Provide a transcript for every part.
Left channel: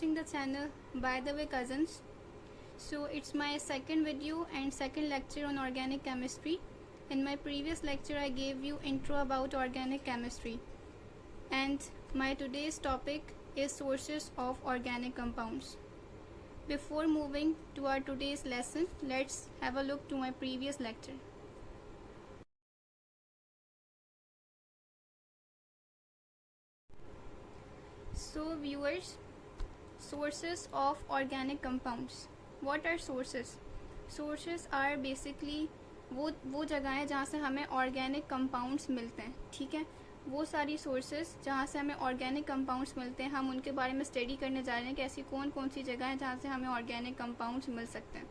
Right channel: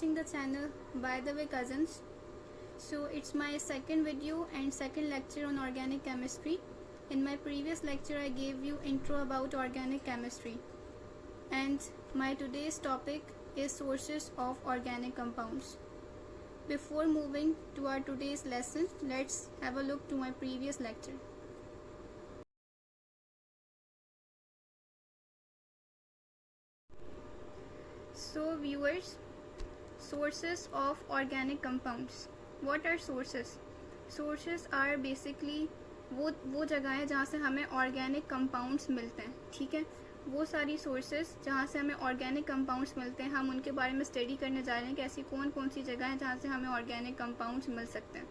watching the channel. By the way, cousins, so it's my second video and second lecture on organic chemistry. In my previous lecture I gave you intro about organic chemistry, and my today's topic is sources of organic compounds. Before moving to our today's lesson, let's have a look to my previous lecture. So viewers, sources of organic compounds. What are sources? Sources are basically वो जगहें जहाँ से हमें organic compounds मिलते हैं, ठीक है। वो सारी सोर्सेस जहाँ से हमें ऑर्गेनिक कंपाउंड्स मिलते हैं, हम उनके बारे में स्टडी करने जा रहे हैं कि ऐसी कौन कौन सी जगह है जहाँ से हमें ऑर्गेनिक कंपाउंड्स मिल सकते हैं।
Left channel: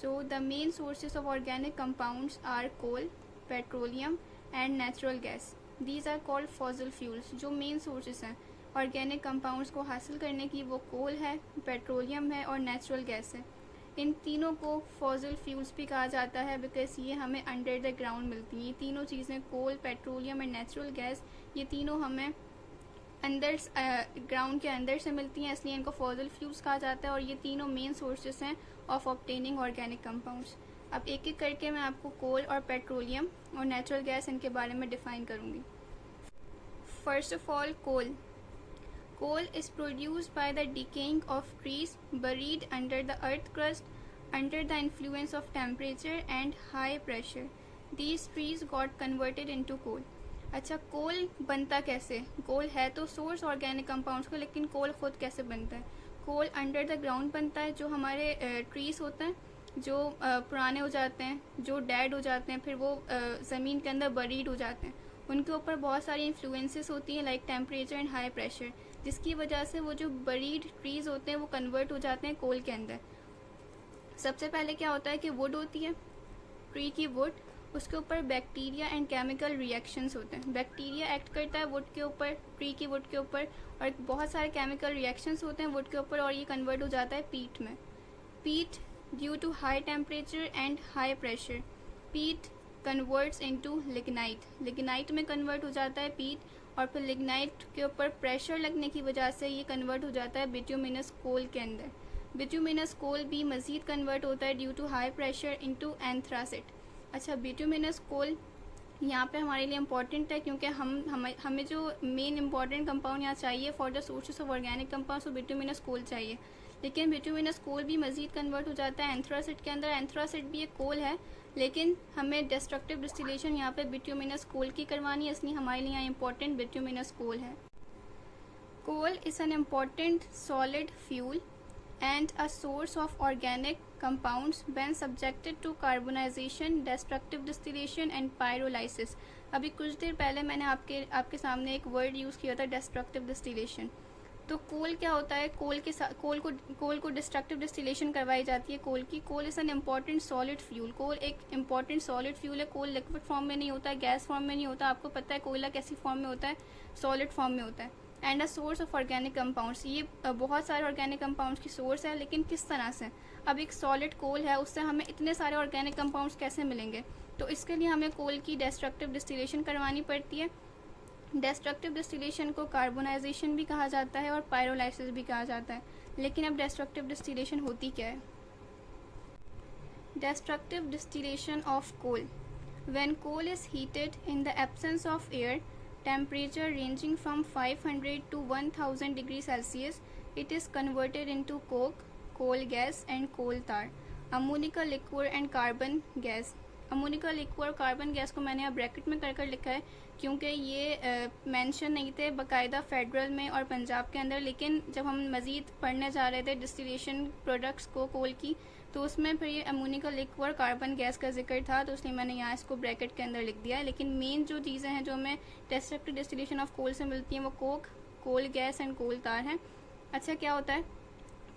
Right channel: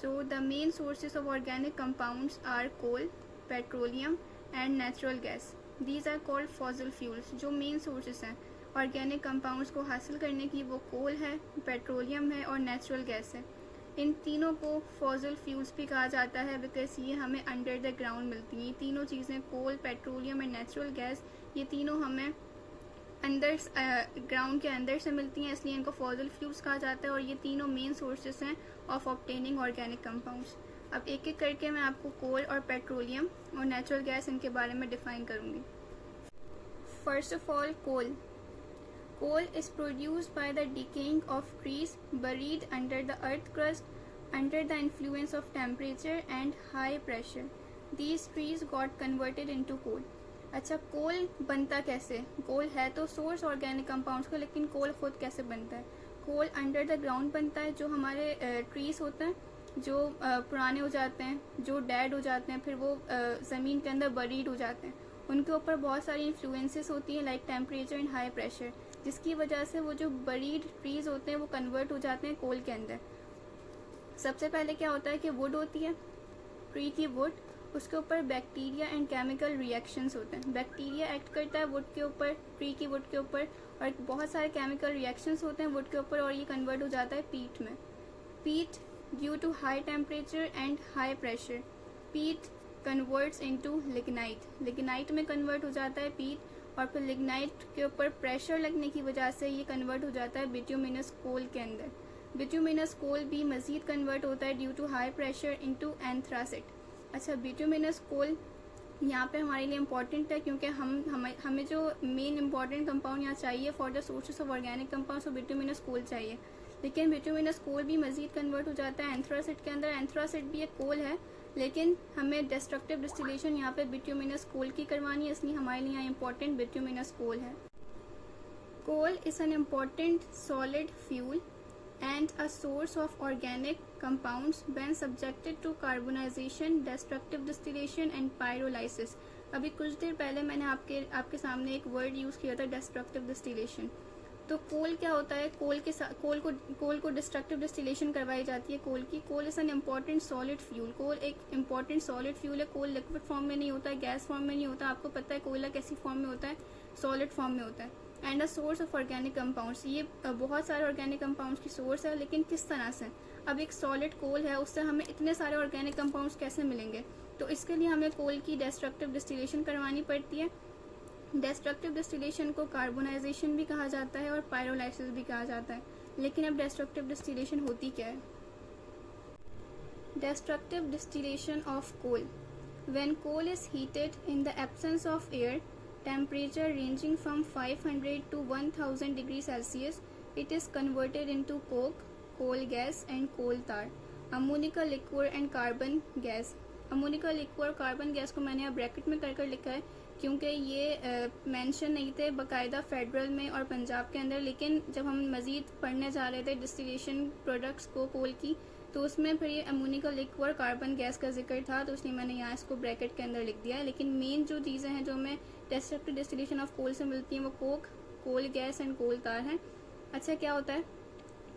So the main sources of organic compounds are coal, petroleum and natural gas. These are called fossil fuels. जो मेन सोर्सेज हैं ऑर्गेनिक कंपाउंड्स को हासिल करने की, वो कोल है, पेट्रोलियम है और नेचुरल गैस है। इन तीनों को फॉसिल फ्यूल्स भी कहा जाता है बिकॉज ये हमें अंडर द ग्राउंड मिलती हैं। ये तीनों चीज़ें, कोल, पेट्रोलियम एंड नेचुरल गैस, ये तीनों हमें अंदर ग्राउंड के अंदर से मिलती हैं, इसलिए इनको फॉसिल फ्यूल्स कहा जाता है। और ये तीनों मेन सोर्सेस हैं ऑफ ऑब्टेनिंग ऑर्गेनिक कंपाउंड्स। अब एक एक करके मैं आपको कोल और पेट्रोलियम और नेचुरल गैस इनके बारे में डिफाइन करूँगी। First of all, coal. Coal is produced by the decaying of trees buried under the earth crust under the influence of temperature and high pressure. These trees got converted into coal. अच्छा, कोल बनता कैसे? कोल है तो source organic compounds का, लेकिन कोल खुद कैसे बनता है? कोल अंडर द ग्राउंड बनता है। जो हमारे ट्रीज होते हैं, जो पुराने हो जाते हैं, जो डेड हो जाते हैं, फिर वो ज़मीन के अंदर बरीड हो जाते हैं, उनके ऊपर बहुत सारी इन्फ्लुएंसेस होती हैं like temperature and high pressure, जिसकी वजह से वो जो बरीड ट्रीज होते हैं वो कन्वर्ट हो जाते हैं कोल के अंदर। सबसे पहले क्या होता है कि वुड होती है, ट्री की वुड, उसके ऊपर बैक्टीरिया एंड केमिकल रिएक्शंस होते हैं। बैक्टीरिया एक्ट करता है वुड के ऊपर, ट्री की वुड के ऊपर, और बहुत सारे केमिकल रिएक्शंस होते हैं वुड के ऊपर, और ये कन्वर्ट हो जाता है पीट में। Peat due to high temperature and high pressure, peat converts into lignite. Lignite में कन्वर्ट हो जाता है पीट, और फिर लिग्नाइट के ऊपर प्रेशर लगने की वजह से ये कन्वर्ट हो जाता है बिट्यूमिनस कोल के अंदर। बिट्यूमिनस कोल भी मज़ीद कन्वर्ट होता है due to high pressure into anthracite. अच्छा, बिट्यूमिनस कोल यहाँ पे हमारे लिए इम्पॉर्टेंट है क्योंकि हमें जो मेन इम्पॉर्टेंट कंपाउंड यहाँ चाहिए for the sources of organic compounds, वो बिट्यूमिनस कोल चाहिए। लेकिन बिट्यूमिनस कोल भी मज़ीद कन्वर्ट हो जाता है एंथ्रासिट के अंदर। एंथ्रासिट भी एक कोल है, लेकिन हमें डिस्ट्रक्टिव डिस्टिलेशन यहाँ पे बिट्यूमिनस कोल की करवानी है, इसलिए हमारे लिए यहाँ इम्पोर्टेंट बिट्यूमिनस कोल है। Coal is an important solid fuel and a source of organic compounds when subjected to carbonization, destructive distillation and pyrolysis. अभी कुछ देर पहले मैंने आपके सामने एक वर्ड यूज़ किया था, डिस्ट्रक्टिव डिस्टिलेशन। तो कोल क्या होता है? कोल को डिस्ट्रक्टिव डिस्टिलेशन करवाई जाती है कोल की। Coal is an important solid fuel. Coal एक इम्पॉर्टेंट सॉलिड फ्यूल है। कोल लिक्विड फॉर्म में नहीं होता है, गैस फॉर्म में नहीं होता। आपको पता है कोयला कैसी फॉर्म में होता है? सॉलिड फॉर्म में होता है। And a source of organic compounds, ये बहुत सारे ऑर्गेनिक कंपाउंड्स की सोर्स है, लेकिन किस तरह से? अब एक सॉलिड कोल है, उससे हमें इतने सारे ऑर्गेनिक कंपाउंड्स कैसे मिलेंगे? तो इसके लिए हमें कोल की डिस्ट्रक्टिव डिस्टिलेशन करवानी पड़ती है। डिस्ट्रक्टिव डिस्टिलेशन को कार्बोनाइजेशन भी कहा जाता है और पायरोलाइसिस भी कहा जाता है। लेकिन अब डिस्ट्रक्टिव डिस्टिलेशन होती क्या है? Destructive distillation of coal. When coal is heated in the absence of air, temperature ranging from 500 to 1000 degree Celsius, it is converted into coke, coal gas and coal tar, ammonia liquor and carbon gas. Ammoniacal liquid और carbon gas को मैंने यहाँ bracket में कर लिखा है क्योंकि ये मेंशन नहीं थे बाकायदा फेडरल में और पंजाब के अंदर। लेकिन जब हम मज़ीद पढ़ने जा रहे थे डिस्टिलेशन प्रोडक्ट्स को कोल की, तो उसमें फिर ये अमोनिका लिक्विड और कार्बन गैस का जिक्र था, तो इसलिए मैंने यहाँ इसको ब्रैकेट के अंदर लिख दिया है। लेकिन मेन जो चीज़ें हैं जो हमें डिस्ट्रक्टिव डिस्टिलेशन ऑफ कोल से मिलती हैं वो coke, coal gas and coal tar हैं। अच्छा, क्या होता है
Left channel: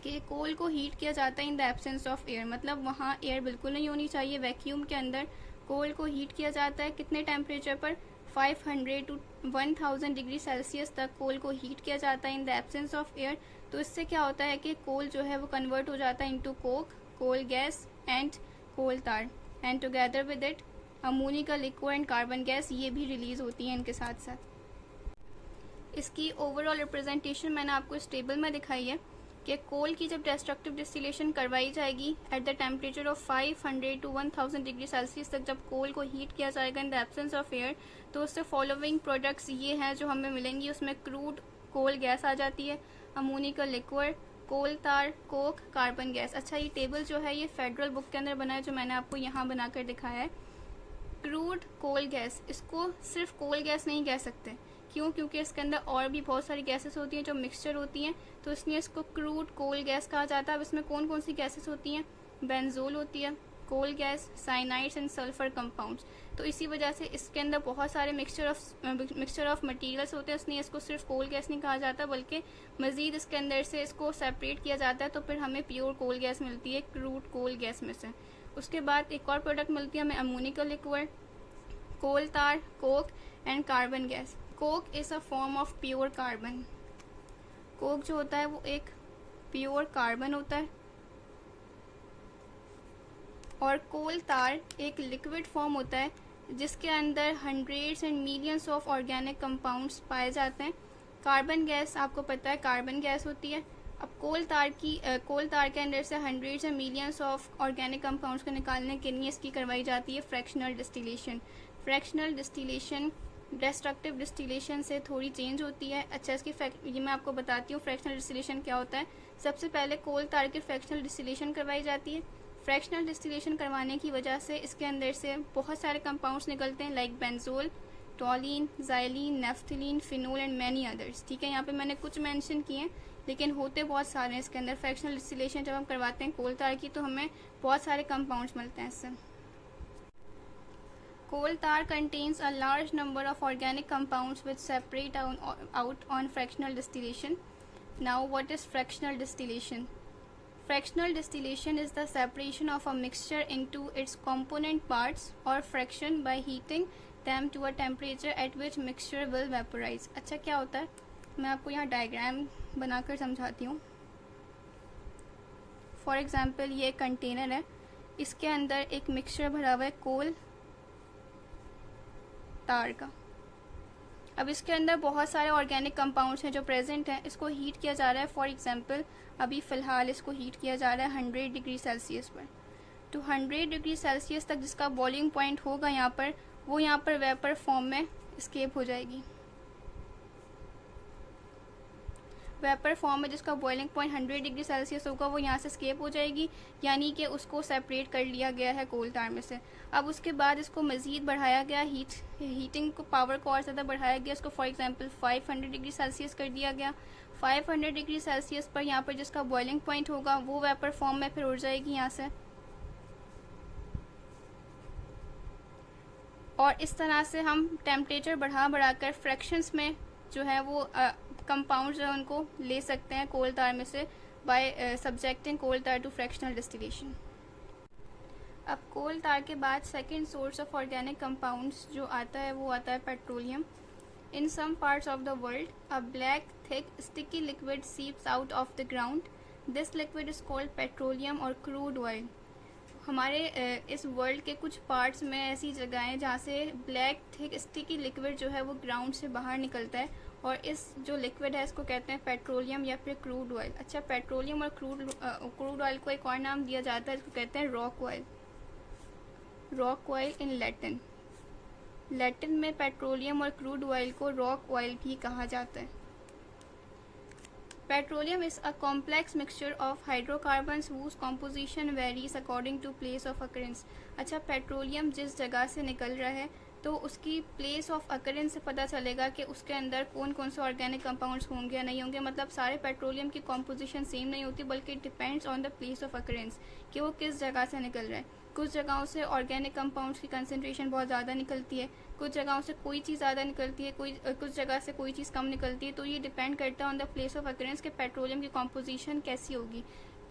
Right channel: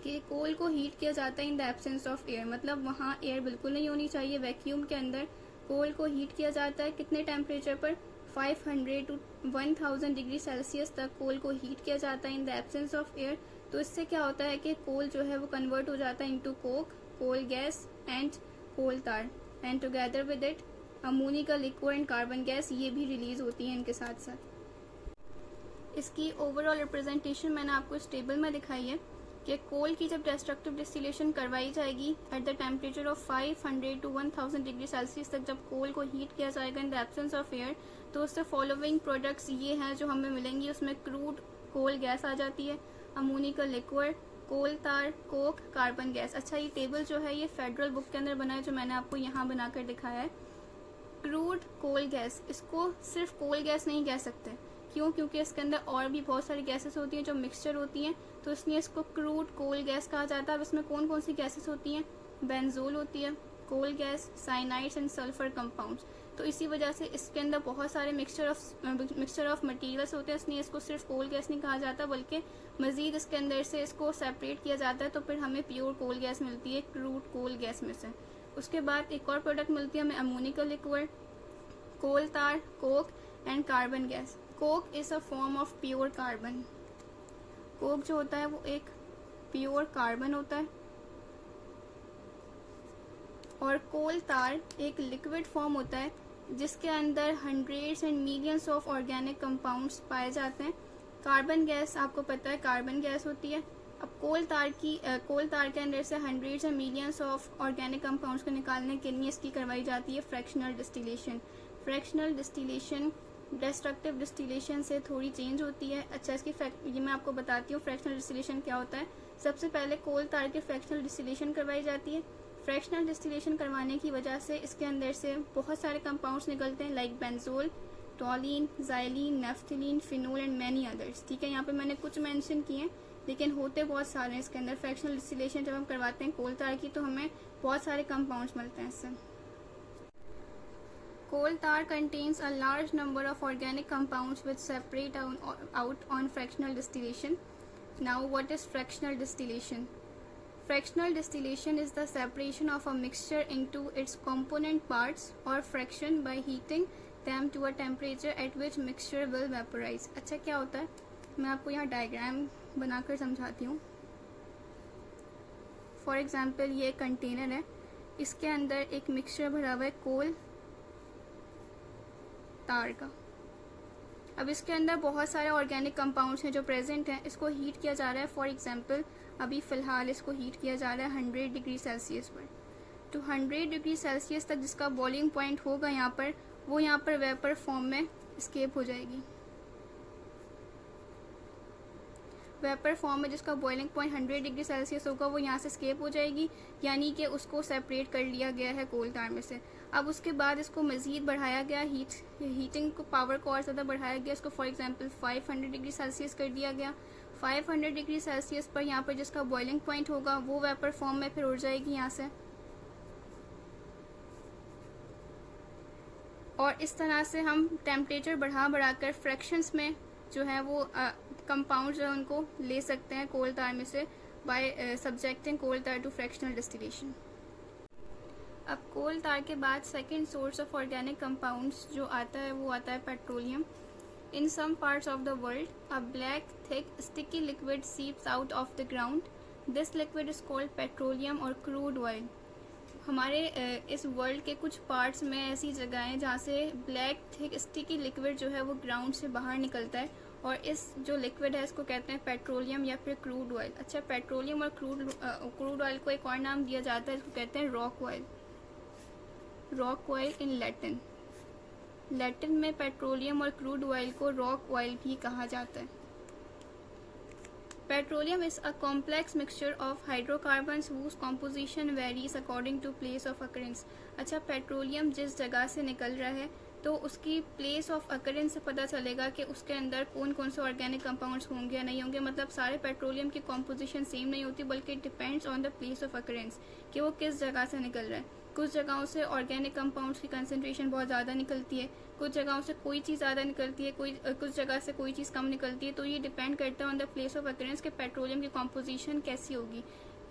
कि कोल को हीट किया जाता है इन द एब्सेंस ऑफ एयर, मतलब वहाँ एयर बिल्कुल नहीं होनी चाहिए। वैक्यूम के अंदर कोल को हीट किया जाता है। कितने टेम्परेचर पर? 500 to 1000 डिग्री सेल्सियस तक कोल को हीट किया जाता है इन द एब्सेंस ऑफ एयर। तो इससे क्या होता है कि कोल जो है वो कन्वर्ट हो जाता है into coke, coal gas and coal tar, and together with it ammonia liquid and carbon gas, ये भी रिलीज होती है इनके साथ साथ। इसकी ओवरऑल रिप्रेजेंटेशन मैंने आपको इस टेबल में दिखाई है। कि कोल की जब डिस्ट्रक्टिव डिस्टिलेशन करवाई जाएगी at the temperature of 500 to 1000 degree Celsius तक, जब कोल को हीट किया जाएगा इन द एब्सेंस ऑफ एयर, तो उससे फॉलोइंग प्रोडक्ट्स ये हैं जो हमें मिलेंगी। उसमें क्रूड कोल गैस आ जाती है, अमोनिका लिक्विड, कोल तार, कोक, कार्बन गैस। अच्छा, ये टेबल जो है ये फेडरल बुक के अंदर बना है, जो मैंने आपको यहाँ बनाकर दिखाया है। क्रूड कोल गैस, इसको सिर्फ कोल गैस नहीं कह सकते, क्यों? क्योंकि इसके अंदर और भी बहुत सारी गैसेस होती हैं जो मिक्सचर होती हैं, तो इसलिए इसको क्रूड कोल गैस कहा जाता है। अब इसमें कौन कौन सी गैसेस होती हैं? बेंजोल होती है, coal gas, cyanides and sulphur compounds. तो इसी वजह से इसके अंदर बहुत सारे मिक्सचर ऑफ मटेरियल्स होते हैं, इसलिए इसको सिर्फ कोल गैस नहीं कहा जाता, बल्कि मजीद इसके अंदर से इसको सेपरेट किया जाता है, तो फिर हमें प्योर कोल गैस मिलती है क्रूड कोल गैस में से। उसके बाद एक और प्रोडक्ट मिलती है हमें अमोनिका लिक्विड, कोल तार, Coke and carbon gas. Coke is a form of pure carbon. Coke जो होता है वो एक प्योर कार्बन होता है, और कोल तार एक लिक्विड फॉर्म होता है जिसके अंदर hundreds and millions of organic compounds पाए जाते हैं। कार्बन गैस आपको पता है कार्बन गैस होती है। अब कोल तार के अंदर से hundreds and millions of organic compounds को निकालने के लिए इसकी करवाई जाती है fractional distillation. Fractional distillation destructive distillation से थोड़ी चेंज होती है। अच्छा, इसकी ये मैं आपको बताती हूँ फ्रैक्शनल डिस्टिलेशन क्या होता है। सबसे पहले कोल तार की फ्रैक्शनल डिस्टिलेशन करवाई जाती है। फ्रैक्शनल डिस्टिलेशन करवाने की वजह से इसके अंदर से बहुत सारे कंपाउंड्स निकलते हैं, like benzol, toluene, xylene, naphthalene, phenol and many others. ठीक है, यहाँ पे मैंने कुछ मेंशन किए हैं, लेकिन होते बहुत सारे हैं इसके अंदर। फ्रैक्शनल डिस्टिलेशन जब हम करवाते हैं कोल तार की, तो हमें बहुत सारे कंपाउंड्स मिलते हैं इससे। Coal tar contains a large number of organic compounds which separate out on fractional distillation. Now, what is fractional distillation? Fractional distillation is the separation of a mixture into its component parts or fraction by heating them to a temperature at which mixture will vaporize. अच्छा, क्या होता है? मैं आपको यहाँ diagram बनाकर समझाती हूँ। फॉर एग्जाम्पल, ये कंटेनर है, इसके अंदर एक मिक्सचर भरा हुआ है कोल तार का। अब इसके अंदर बहुत सारे ऑर्गेनिक कंपाउंड्स हैं जो प्रेजेंट हैं। इसको हीट किया जा रहा है। फॉर एग्जांपल, अभी फ़िलहाल इसको हीट किया जा रहा है 100 डिग्री सेल्सियस पर। तो 100 डिग्री सेल्सियस तक जिसका बॉइलिंग पॉइंट होगा यहाँ पर, वो यहाँ पर वेपर फॉर्म में एस्केप हो जाएगी। वेपर फॉर्म में जिसका बॉइलिंग पॉइंट 100 डिग्री सेल्सियस होगा, वो यहाँ से एस्केप हो जाएगी, यानी कि उसको सेपरेट कर लिया गया है कोल तार में से। अब उसके बाद इसको मज़ीद बढ़ाया गया, हीटिंग को पावर को और ज़्यादा बढ़ाया गया। इसको फॉर एग्जांपल 500 डिग्री सेल्सियस कर दिया गया। 500 डिग्री सेल्सियस पर यहाँ पर जिसका बॉइलिंग पॉइंट होगा, वो वेपर फॉर्म में फिर उड़ जाएगी यहाँ से, और इस तरह से हम टेम्परेचर बढ़ा कर फ्रैक्शंस में जो है वो कंपाउंड जो है उनको ले सकते हैं कोल तार में से, बाय सब्जेक्टिंग कोल तार टू फ्रैक्शनल डिस्टिलेशन। अब कोल तार के बाद second source of organic compounds जो आता है वो आता है petroleum. In some parts of the world a black thick sticky liquid seeps out of the ground. This liquid is called petroleum और क्रूड ऑयल। हमारे इस वर्ल्ड के कुछ पार्ट्स में ऐसी जगह हैं जहाँ से ब्लैक थिक स्टिकी लिक्विड जो है वो ग्राउंड से बाहर निकलता है, और इस जो लिक्विड है इसको कहते हैं पेट्रोलियम या फिर क्रूड ऑयल। अच्छा, पेट्रोलियम और क्रूड ऑयल को एक और नाम दिया जाता है, इसको कहते हैं rock oil. Rock oil in Latin. Latin में पेट्रोलियम और क्रूड ऑयल को रॉक ऑयल भी कहा जाता है। Petroleum is a complex mixture of hydrocarbons whose composition varies according to place of occurrence। अच्छा, पेट्रोलियम जिस जगह से निकल रहा है तो उसकी प्लेस ऑफ अकरेंस से पता चलेगा कि उसके अंदर कौन कौन से ऑर्गेनिक कंपाउंड्स होंगे या नहीं होंगे। मतलब सारे पेट्रोलियम की कॉम्पोजिशन सेम नहीं होती, बल्कि depends on the place of occurrence कि वो किस जगह से निकल रहा है। कुछ जगहों से ऑर्गेनिक कंपाउंड्स की कंसंट्रेशन बहुत ज़्यादा निकलती है, कुछ जगहों से कोई चीज़ ज़्यादा निकलती है, कुछ जगह से कोई चीज़ कम निकलती है। तो ये डिपेंड करता है on the place of occurrence कि पेट्रोलियम की कॉम्पोजिशन कैसी होगी।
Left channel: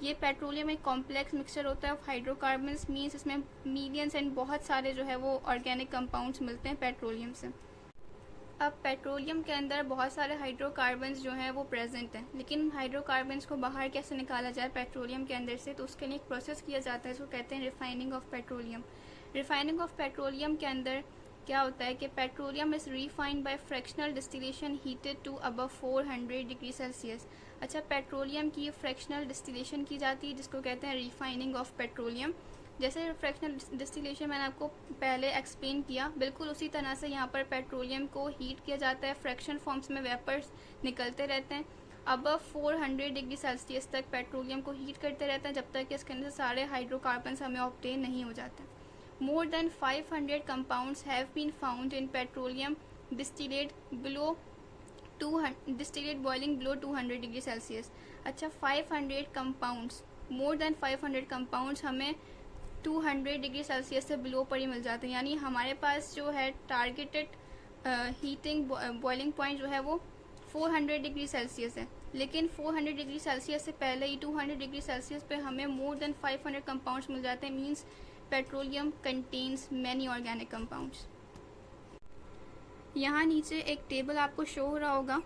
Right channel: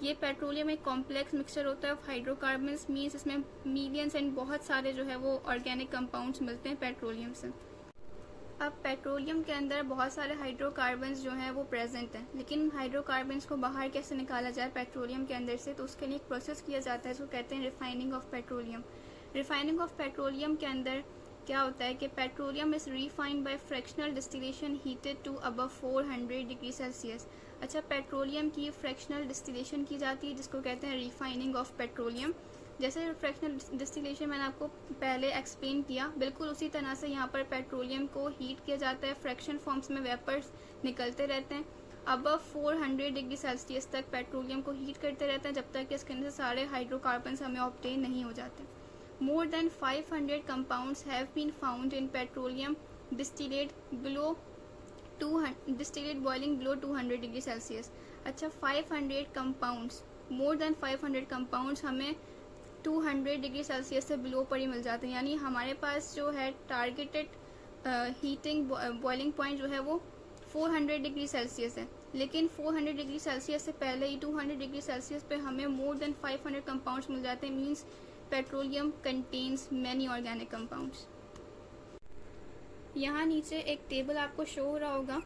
ये पेट्रोलियम एक कॉम्प्लेक्स मिक्सचर होता है ऑफ हाइड्रोकार्बन्स, मीन्स इसमें मिलियंस एंड बहुत सारे जो है वो ऑर्गेनिक कंपाउंड्स मिलते हैं पेट्रोलियम से। अब पेट्रोलियम के अंदर बहुत सारे हाइड्रोकार्बन्स जो हैं वो प्रेजेंट हैं, लेकिन हाइड्रोकार्बन्स को बाहर कैसे निकाला जाए पेट्रोलियम के अंदर से, तो उसके लिए एक प्रोसेस किया जाता है जो कहते हैं refining of petroleum. Refining of petroleum के अंदर क्या होता है कि petroleum is refined by fractional distillation heated to above 400 degree Celsius. अच्छा, पेट्रोलियम की फ्रैक्शनल डिस्टिलेशन की जाती है जिसको कहते हैं रिफाइनिंग ऑफ पेट्रोलियम। जैसे फ्रैक्शनल डिस्टिलेशन मैंने आपको पहले एक्सप्लेन किया, बिल्कुल उसी तरह से यहाँ पर पेट्रोलियम को हीट किया जाता है, फ्रैक्शन फॉर्म्स में वेपर्स निकलते रहते हैं। अबव 400 डिग्री सेल्सियस तक पेट्रोलियम को हीट करते रहते हैं जब तक कि इसके अंदर से सारे हाइड्रोकार्बन्स हमें ऑब्टेन नहीं हो जाते। More than 500 compounds have been found in petroleum distillate boiling below 200 degree Celsius. अच्छा, 500 कंपाउंड्स, मोर देन 500 कंपाउंड्स हमें 200 डिग्री सेल्सियस से बिलो पर ही मिल जाते हैं। यानी हमारे पास जो है टारगेटेड हीटिंग बॉइलिंग पॉइंट जो है वो 400 डिग्री सेल्सियस है, लेकिन 400 डिग्री सेल्सियस से पहले ही 200 डिग्री सेल्सियस पे हमें मोर देन 500 कंपाउंड्स मिल जाते हैं। Means petroleum contains many organic compounds. यहाँ नीचे एक टेबल आपको शो हो रहा होगा,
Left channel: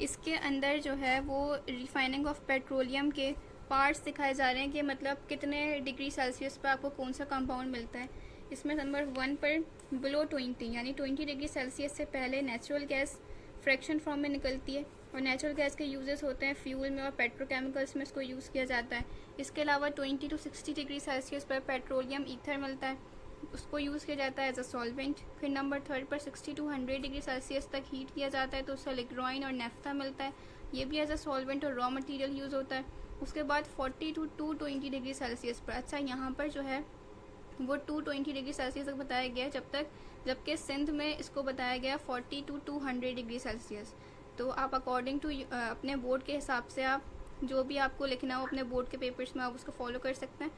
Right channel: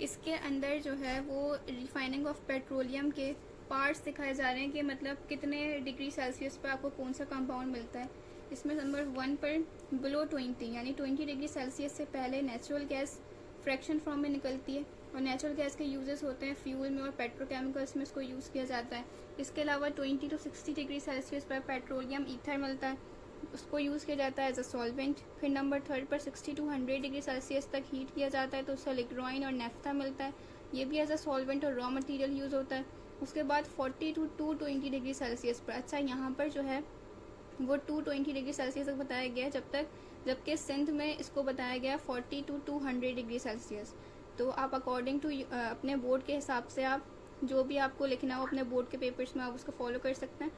इसके अंदर जो है वो रिफाइनिंग ऑफ पेट्रोलियम के पार्ट्स दिखाए जा रहे हैं कि मतलब कितने डिग्री सेल्सियस पर आपको कौन सा कंपाउंड मिलता है। इसमें नंबर 1 पर बिलो 20 यानी 20 डिग्री सेल्सियस से पहले नेचुरल गैस फ्रैक्शन फॉर्म में निकलती है, और नेचुरल गैस के यूजेस होते हैं फ्यूल में और पेट्रोकेमिकल्स में इसको यूज़ किया जाता है। इसके अलावा 20 to 60 डिग्री सेल्सियस पर पेट्रोलियम ईथर मिलता है, उसको यूज़ किया जाता है एज अ सॉल्वेंट। फिर नंबर 3 पर 60 to 100 डिग्री सेल्सियस तक हीट किया जाता है तो उससे लिग्रोइन और नेफ्था मिलता है, ये भी एज अ सॉल्वेंट और रॉ मटेरियल यूज़ होता है। उसके बाद 40 to 220 डिग्री सेल्सियस पर, अच्छा यहाँ पर जो है वो 220 डिग्री सेल्सियस तक बताया गया जबकि सिंध में इसको बताया गया 40 to 200 डिग्री सेल्सियस। तो आप अकॉर्डिंग टू अपने बोर्ड के हिसाब से आप जो भी आपको लिखना हो अपने बोर्ड के पेपर्स में आप उसको फॉलो कर सकते हैं।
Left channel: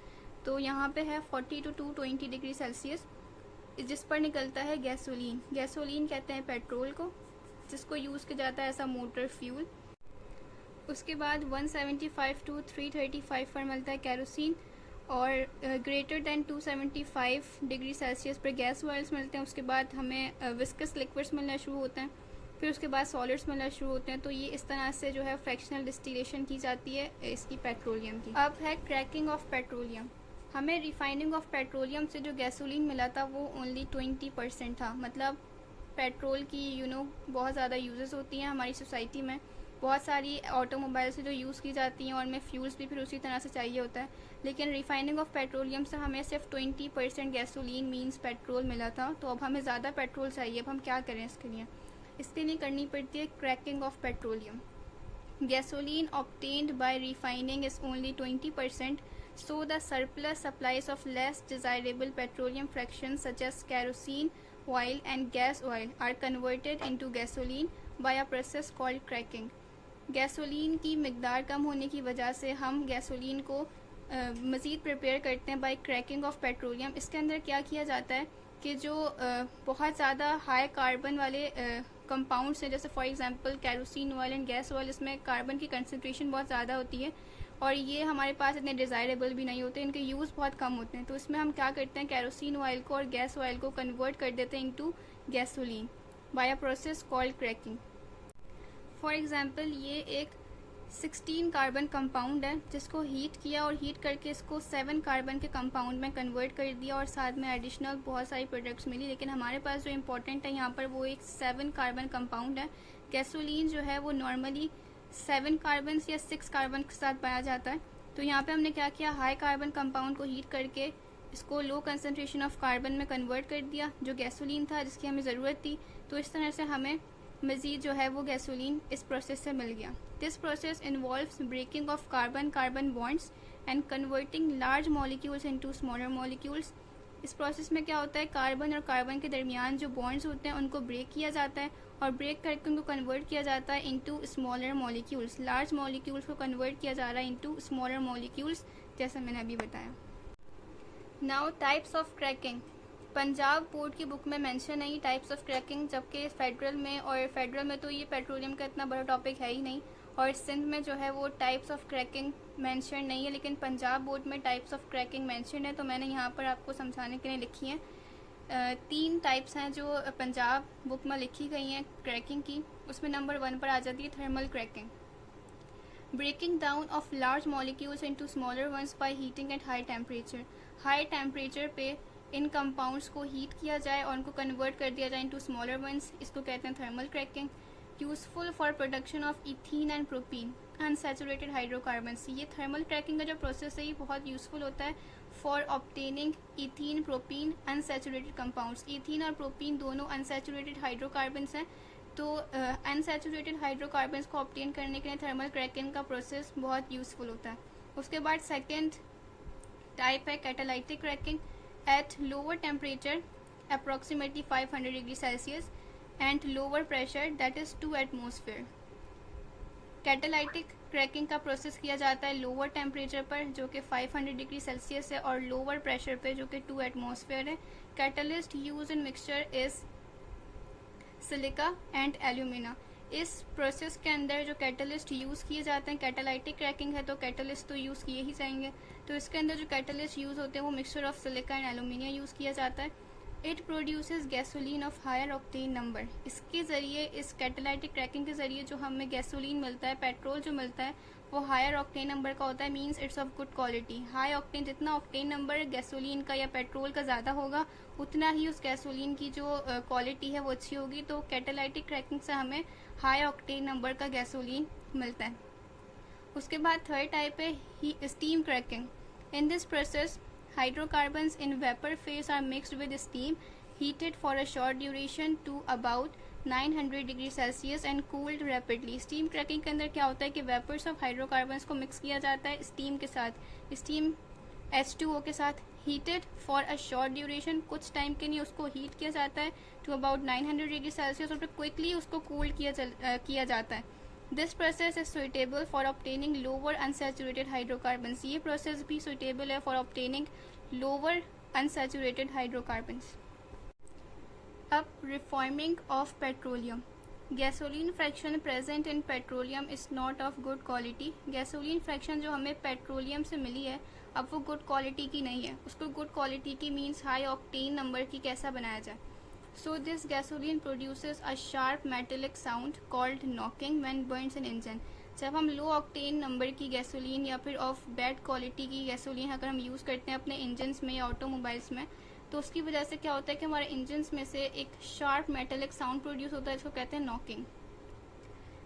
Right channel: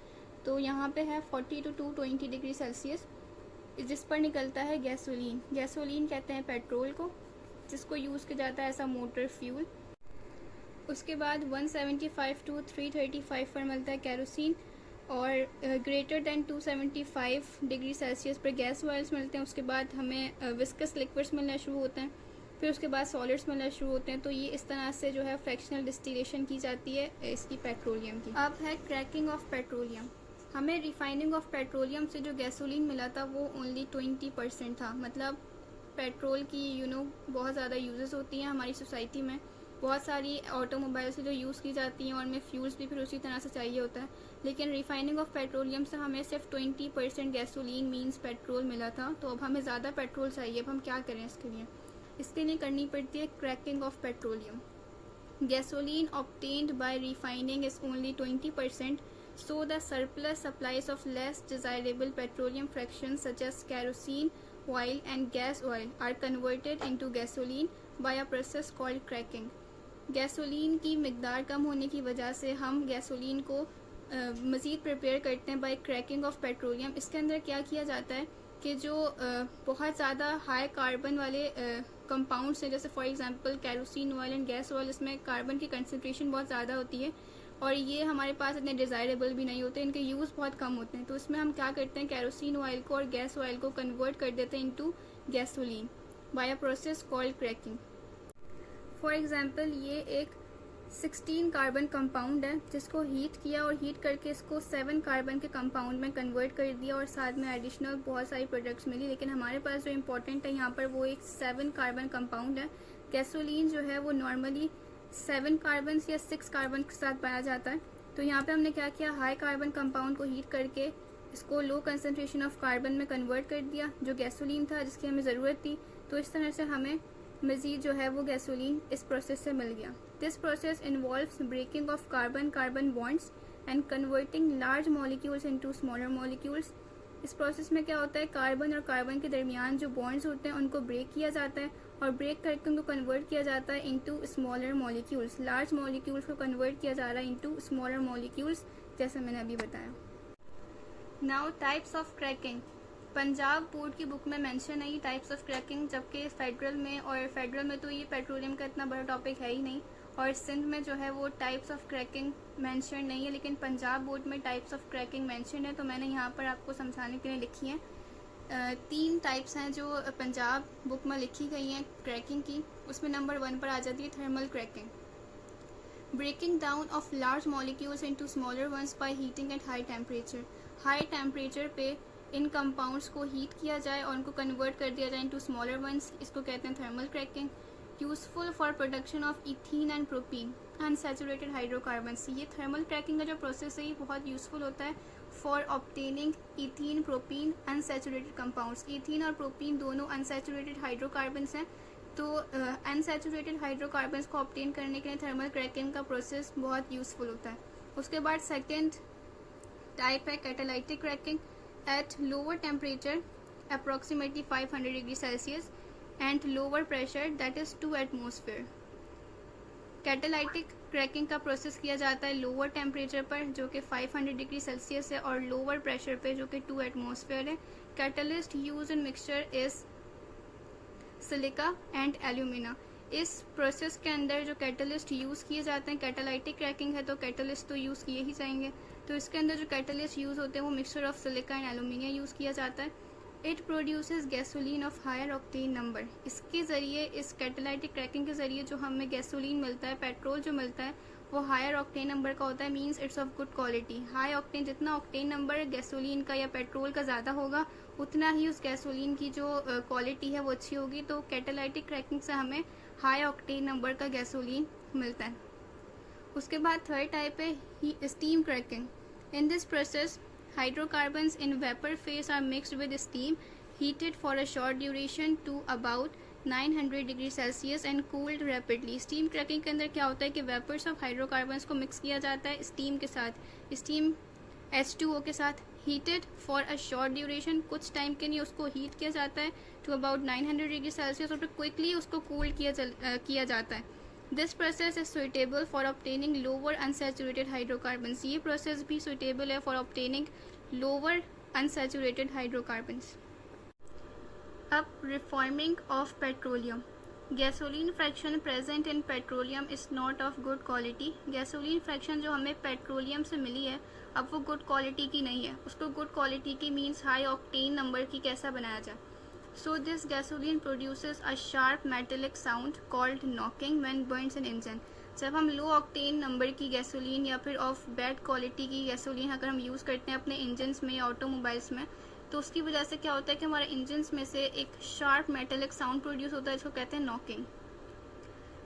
तो यहाँ पे है 40 to 220 डिग्री सेल्सियस, जिस पर निकलता है गैसोलीन। गैसोलीन कहते हैं पेट्रोल को, जिसको यूज़ किया जाता है ऐसा मोटर फ्यूल। उसके बाद 175 to 335 पर मिलता है केरोसिन, और ग्रेटर देन 275 डिग्री सेल्सियस पर गैस ऑयल्स मिलते हैं। उसके बाद हमें विस्कस लिक्विड्स मिलना शुरू होते हैं, फिर उसके बाद सॉलिड्स मिलना शुरू होते हैं। तो ये इस तरह से जो है फ्रैक्शनल डिस्टिलेशन की जाती है इसकी पेट्रोलियम की। अब है क्रैकिंग ऑफ पेट्रोलियम। हमें रिफाइनिंग ऑफ पेट्रोलियम से जो गैसोलीन मिला था वो ओनली 20% था। मतलब पेट्रोल की बहुत ज़्यादा यूजेस होती हैं हमारी सोसाइटी में, बहुत सारी ऑटोमोबाइल से जो यूज़ की जाती हैं और हमें फ्यूल्स भी फिर उसी तरह से चाहिए होता है, लेकिन रिफाइनिंग ऑफ पेट्रोलियम से हमें सिर्फ 20% गैसोलीन मींस पेट्रोल मिला था। तो अब हमें ज़्यादा पेट्रोल चाहिए, अब हम क्या करें इसके लिए करनी पड़ती है cracking of petroleum. Gasoline obtained by refining is only 20%, so the surplus supplies of less desirable petroleum fractions such as kerosene oil and gas oil are converted into gasoline by a process called cracking. Gasoline की मिकदार कम होने की वजह से हम gasoline को मज़ीद prepare करते हैं बाय क्रैकिंग ऑफ पेट्रोलियम। इसके अंदर क्या किया जाता है कि जो बहुत ज़्यादा हाई कार्बन वाले कंपाउंड्स हैं, जैसे for example kerosene oil and gas oil, इसमें कार्बन की कंसंट्रेशन बहुत ज़्यादा होती है और ये हमारे पास इतने डिज़ायरेबल भी नहीं होते, इनके यूज़ बहुत कम होते हैं। तो इसमें हम क्या करते हैं, कैरोसिन ऑयल को और गैस ऑयल को कन्वर्ट कर देते हैं into gasoline by a process called cracking. For example ये एक 16 कार्बन कंपाउंड है जिसको हीट किया और हीट करके इसको 7 कार्बन के कंपाउंड में कन्वर्ट कर दिया और साथ में एडिशनल बहुत सारी प्रोडक्ट्स मिली, लेकिन हमारे पास जो इम्पोर्टेंट है यहाँ पर वो एक 7 कार्बन कंपाउंड है। गैसोलीन जो है वो नॉर्मली 7 कार्बन या 6 कार्बन के साथ पाया जाता है। तो यहाँ पे हमने क्या किया, हाई कार्बन कंपाउंड को हीट करके इसको लो कंसनट्रेशन ऑफ कार्बन में कन्वर्ट कर दिया जो गैसोलीन था जिसकी हमें ज़रूरत थी। तो इस तरह से हमें मज़ीद जो है वो गैसोलीन इस प्रोसेस से मिल गया। This process involves breaking of carbon carbon bonds and converting large molecules into smaller molecules. इस प्रोसेस में क्या होता है, कार्बन और कार्बन के दरमियान जो बॉन्ड्स होते हैं उनको ब्रेक किया जाता है और ब्रेक करके उनको कन्वर्ट किया जाता है into smaller molecules. Large molecules को कन्वर्ट किया जा रहा है इनटू स्मॉलर मॉलिक्यूल्स, जैसे मैंने अभी बताया। Now types of cracking. Punjab board की बुक में मेंशन है टाइप्स ऑफ क्रैकिंग, जबकि फेडरल में तो ये पेट्रोलियम का इतना बड़ा टॉपिक है ही नहीं, और सिंध में जो है वो टाइप्स ऑफ क्रैकिंग मेंशन नहीं है, लेकिन पंजाब बोर्ड में टाइप्स ऑफ क्रैकिंग मेंशन है। तो मैंने यहाँ पर आपको समझाने के लिए लिखी है। 3 टाइप्स हैं जो पंजाब बुक में लिखी गई हैं क्रैकिंग की। उसमें नंबर 1 पर आ जाती है thermal cracking, breaking down of large molecules into smaller ones by heating at high temperature. High temperature पे इन कंपाउंड्स को हीट किया जाए और उनको कन्वर्ट कर दिया जाए इनटू स्मॉलर वंस, इसको कहते हैं thermal cracking. Useful for production of ethene and propene unsaturated hydrocarbons. ये थर्मल क्रैकिंग का जो प्रोसेस है ये बहुत यूजफुल होता है for obtaining ethene propene unsaturated compounds. Ethene और प्रोपीन दोनों अनसैचुरेटेड हाइड्रोकार्बन्स हैं, तो अनसैचुरेटेड हाइड्रोकार्बन्स को ऑब्टेन करने के लिए थर्मल क्रैकिंग का प्रोसेस बहुत यूजफुल होता है। उसके बाद सेकेंड टाइप है catalytic cracking at lower temperature approximately 500 degree Celsius and lower pressure that is 2 atmosphere. Catalytic cracking का प्रोसेस किया जाता है लोअर टेम्परेचर पर जो कि 500 डिग्री सेल्सियस है और लोअर प्रेशर पे जो कि 2 एटमॉस्फेयर है। Catalyst use in mixture is silica and alumina. इस प्रोसेस के अंदर जो कैटलिस्ट यूज़ किए जाते हैं, कैटालाइटिक क्रैकिंग है तो कैटलिस्ट तो यूज़ किए ही जाएंगे, तो इसके अंदर जो कैटलिस्ट यूज़ होते हैं वो mixture of silica and alumina use किया जाता है। It produces gasoline of higher octane number. इसके ज़रिए, इस कैटालाइटिक क्रैकिंग के ज़रिए जो हमें गैसोलीन मिलता है, पेट्रोल जो मिलता है वो हायर ऑक्टेन नंबर का होता है, means it's of good quality. High octane, जितना ऑक्टेन नंबर गैसोलीन का या पेट्रोल का ज़्यादा होगा उतना ही उस गैसोलीन की जो क्वालिटी है वो अच्छी होगी। तो कैटालाइटिक क्रैकिंग से हमें हाई ऑक्टेन नंबर का गैसोलीन मिलता है। उसके बाद थर्ड टाइप है steam cracking. In this process hydrocarbons in vapor phase are mixed with steam, heated for a short duration to about 900 degree Celsius and cooled rapidly। Steam cracking के अंदर क्या होता है कि वेपर्स ऑफ हाइड्रोकार्बन्स को mix किया जाता है स्टीम के साथ, स्टीम H2O के साथ, heated for a short duration, कुछ टाइम के लिए उसको हीट किया जाता है टू अबाउट 900 डिग्री सेल्सियस और फिर क्विकली उसको कूल किया जाता है। This process is suitable for obtaining lower unsaturated hydrocarbons. ये प्रोसेस भी सुइटेबल है for obtaining lower unsaturated hydrocarbons. अब reforming of petroleum. Gasoline fraction present in petroleum is not of good quality. Gasoline fraction जो हमें petroleum से मिली है अब वो गुड क्वालिटी की नहीं है, उसको गुड क्वालिटी की मीन्स हाई ऑक्टेन नंबर की कैसा बनाया जाए। So this gasoline produces a sharp metallic sound called knocking when burns an engine। जब हम लो ऑक्टेन नंबर की गैसोलीन या फिर ऑफ बैड क्वालिटी की गैसोलीन अगर हम यूज़ करते हैं अपने इंजन्स में या ऑटोमोबाइल्स में, तो उसकी वजह से क्या होता है कि हमारे इंजन्स में से एक शार्प मेटेलिक साउंड प्रोड्यूस होता है जिसको कहते हैं नॉकिंग,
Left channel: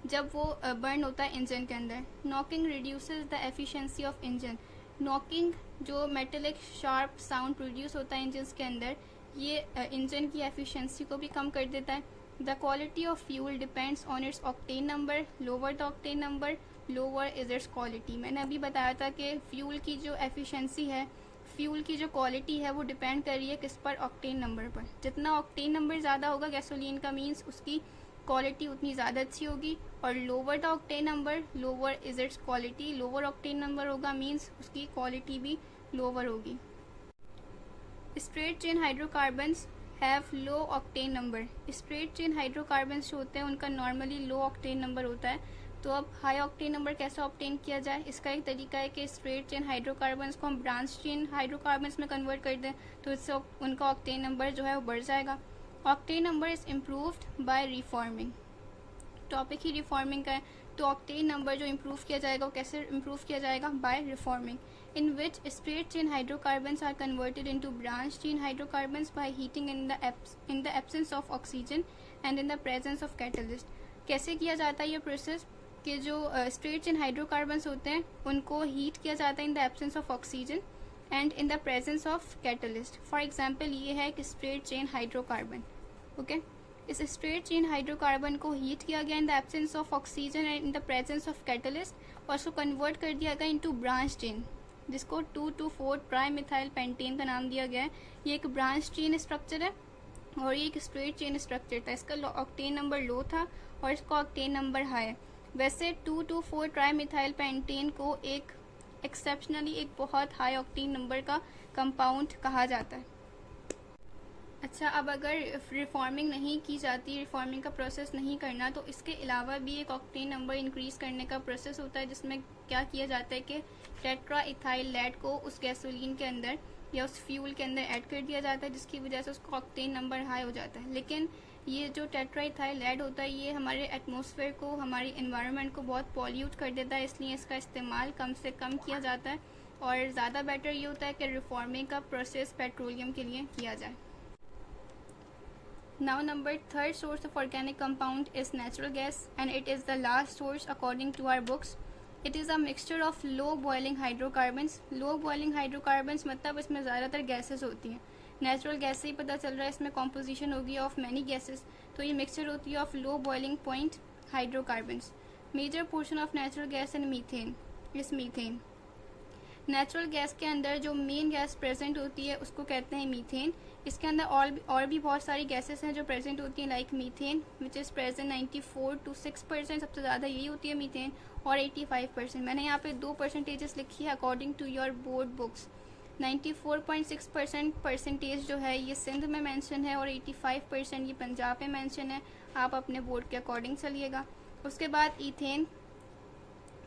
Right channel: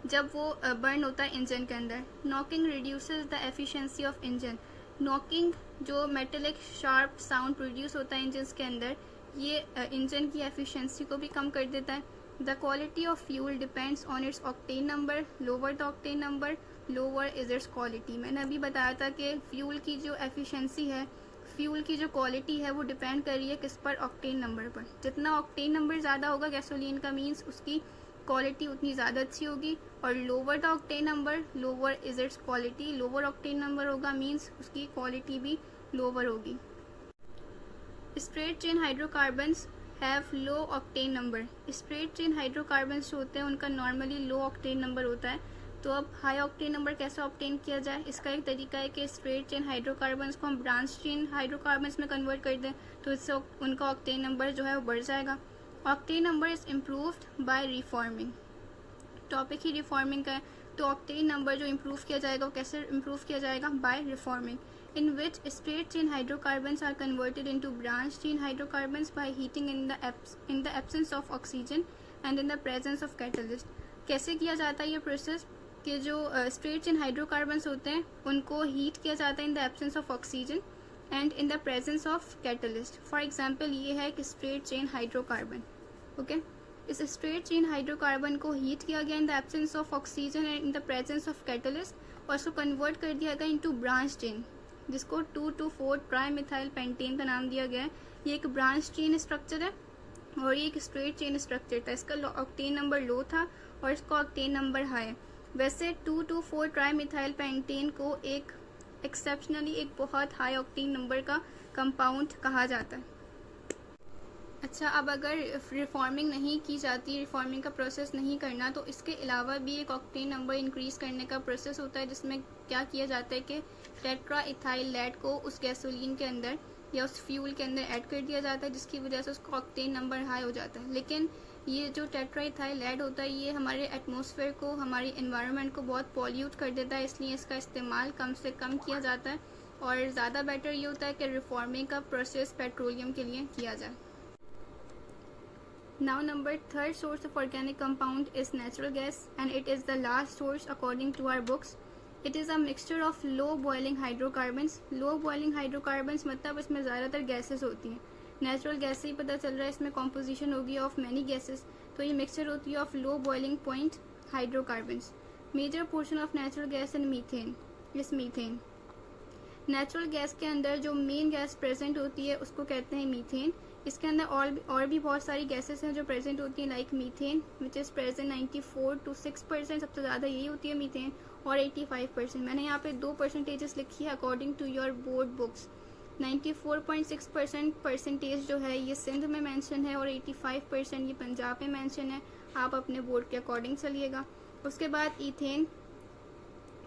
जब वो बर्न होता है इंजन के अंदर। Knocking reduces the efficiency of engine. Knocking जो मेटेलिक शार्प साउंड प्रोड्यूस होता है इंजन्स के अंदर, ये इंजन की एफिशिएंसी को भी कम कर देता है। The quality of fuel depends on it's octane number, lower the octane number lower is it's quality. मैंने अभी बताया था कि फ्यूल की जो एफिशिएंसी है, फ्यूल की जो क्वालिटी है वो डिपेंड कर रही है किस पर, ऑक्टेन नंबर पर। जितना ऑक्टेन नंबर ज़्यादा होगा गैसोलीन का मीन्स उसकी क्वालिटी उतनी ज़्यादा अच्छी होगी, और lower the octane number lower is it's quality. Lower octane number होगा मीन्स उसकी क्वालिटी भी लोअर होगी। Straight chain hydrocarbons have low octane number. Straight chain hydrocarbons जो होते हैं उनका नॉर्मली लो ऑक्टेन नंबर होता है। तो अब हाई ऑक्टेन नंबर कैसे ऑब्टेन किया जाए, इसका एक तरीका है कि स्ट्रेट चेन हाइड्रोकार्बन्स को हम ब्रांच चेन हाइड्रोकार्बन्स में कन्वर्ट कर दें तो इससे उनका ऑक्टेन नंबर जो है वो बढ़ जाएगा। Octane number is improved by reforming. Topic ही रिफॉर्मिंग का है, तो ऑक्टेन नंबर जो इम्प्रूव किया जाएगा वो कैसे इम्प्रूव किया जाएगा, by reforming, in which straight chain hydrocarbons are converted into branch chain hydrocarbons by heating in the absence of oxygen and in the presence of catalyst। कैसे किया जाता है ये प्रोसेस कि जो स्ट्रेट चेन हाइड्रोकार्बन्स होते हैं उनको हीट किया जाता है इन the absence of oxygen and in the presence of catalyst. For example ये है कि स्ट्रेट चेन हाइड्रोकार्बन, ओके, इस स्ट्रेट चेन हाइड्रोकार्बन को हीट किया गया इन the absence of oxygen and in the presence of catalyst और उसको कन्वर्ट कर दिया गया इनटू ब्रांच चेन, जिसको 2,2,4 ट्राईमिथाइल पेंटेन का नाम दिया गया है। ये एक ब्रांच चेन स्ट्रक्चर है और ये एक स्ट्रेट चेन स्ट्रक्चर था। इसका ऑक्टेन नंबर लो था और इसका ऑक्टेन नंबर हाई। वैसे 2,2,4 ट्राईमिथाइल पेंटेन को एक एक्सेप्शनली एक बहुत हाई ऑक्टेन नंबर का कंपाउंड कहा जाता है। अच्छा, अब अगर रिफॉर्मिंग नहीं की जाती, रिफॉर्मिंग का प्रोसेस नहीं करना, तो इसके अलावा भी एक ऑक्टेन नंबर इंक्रीज़ करने का प्रोसेस होता है जिसमें क्या किया जाता है कि टेट्रा इथाइल लेड को उस गैसोलीन के अंदर या उस फ्यूल के अंदर ऐड कर दिया जाता है जिसकी वजह से उसका ऑक्टेन नंबर हाई हो जाता है। लेकिन ये जो टेट्रा इथाइल लेड होता है ये हमारे एटमॉस्फेयर को, हमारी एनवायरनमेंट को बहुत पॉल्यूट कर देता है, इसलिए इसका इस्तेमाल कम से कम किया जाता है और ज़्यादा बेटर ये होता है कि रिफॉर्मिंग का प्रोसेस पेट्रोलियम के लिए किया जाए। Now, third source of organic compound is natural gas, and it is the last source according to our books. It is a mixture of low boiling hydrocarbons. Low boiling hydrocarbons मतलब इसमें ज़्यादातर gases होती हैं. Natural gas से ही पता चल रहा है इसमें कॉम्पोजिशन होगी ऑफ मैनी गैसेस. तो ये मिक्सचर होती है of low boiling point hydrocarbons. Major portion of natural gas in methane is methane. Natural gas के अंदर जो मेन गैस प्रेजेंट होती है उसको कहते हैं मीथेन. इसके अंदर और भी बहुत सारी गैसेस हैं जो प्रेजेंट होती हैं, like methane which is present 94 to 6%. सबसे ज़्यादा यही होती है मीथेन, और 85%. मैंने यहाँ पे 2 परसेंटेजेस लिखी है according to your board books. 94.6% percentage जो है ये सिंध में मेंशन है और 85% ये पंजाब में मेंशन है. आप अपने बोर्ड के अकॉर्डिंग चलिएगा. उसके बाद ईथेन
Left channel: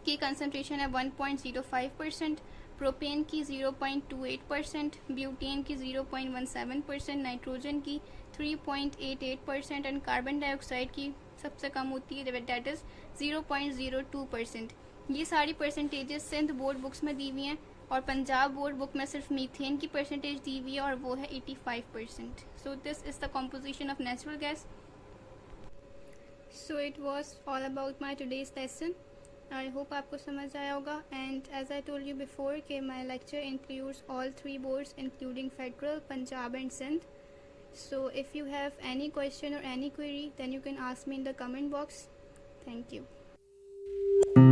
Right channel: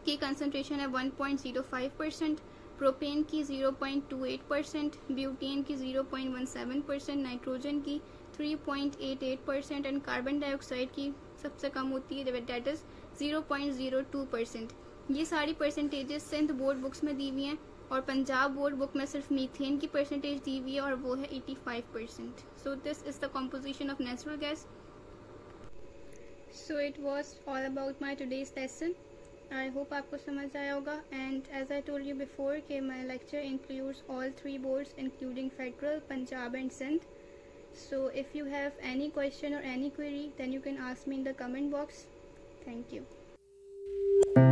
की कंसनट्रेशन है 1.05%, प्रोपेन की 0.28%, ब्यूटेन की 0.17%, नाइट्रोजन की 3.88% एंड कार्बन डाइऑक्साइड की सबसे कम होती है, दैट इज़ 0.02%. ये सारी परसेंटेजेस सिंध बोर्ड बुक्स में दी हुई हैं और पंजाब बोर्ड बुक में सिर्फ मीथेन की परसेंटेज दी हुई है और वो है 85%. So this is the composition of natural gas. So it was all about my today's lesson. I hope आपको समझ आया होगा. And as I told you before कि my lecture includes all 3 boards including federal, Punjab and Sindh. So if you have any question or any query, then you can ask me in the comment box. Thank you.